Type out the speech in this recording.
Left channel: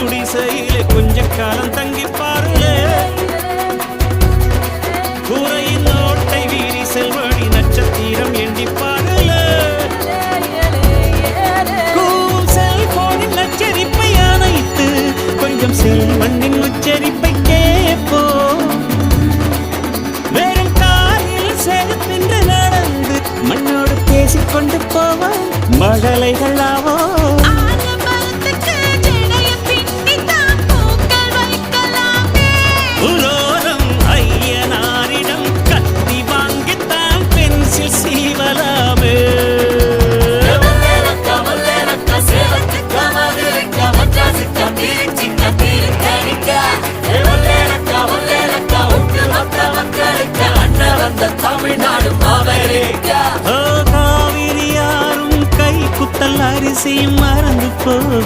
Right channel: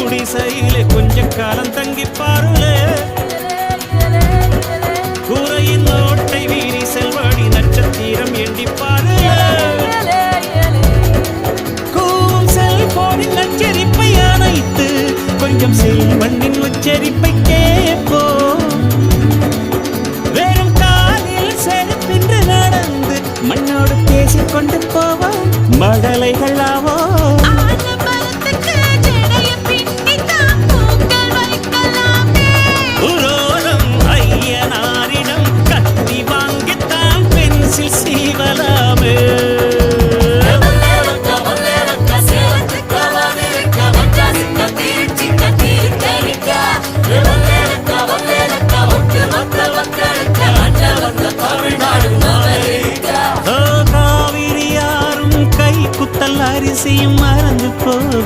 குடிசையிலே கொஞ்ச காலம் தங்கி பாருளே கூரையின் நோட்டை வீரி செல்வடி நட்சத்திரம் எண்டி பாருளே கூவும் செல்போனின் நச்சரிப்பை அணைத்து கொஞ்சம் செல்வண்ணின் உச்சரிப்பை கேட்போ வெறும் காலில் செருப்பின்று நடந்து மண்ணோடு பேசிக்கொண்டு போவோம் மடலைகளாவோ உரோரம் ஐயனாரிடம் கத்தி வாங்கித்தான் பென்சில் சீவலாமே காவிரி யாரும் கை குத்தல் அரிசியும் மறந்து போ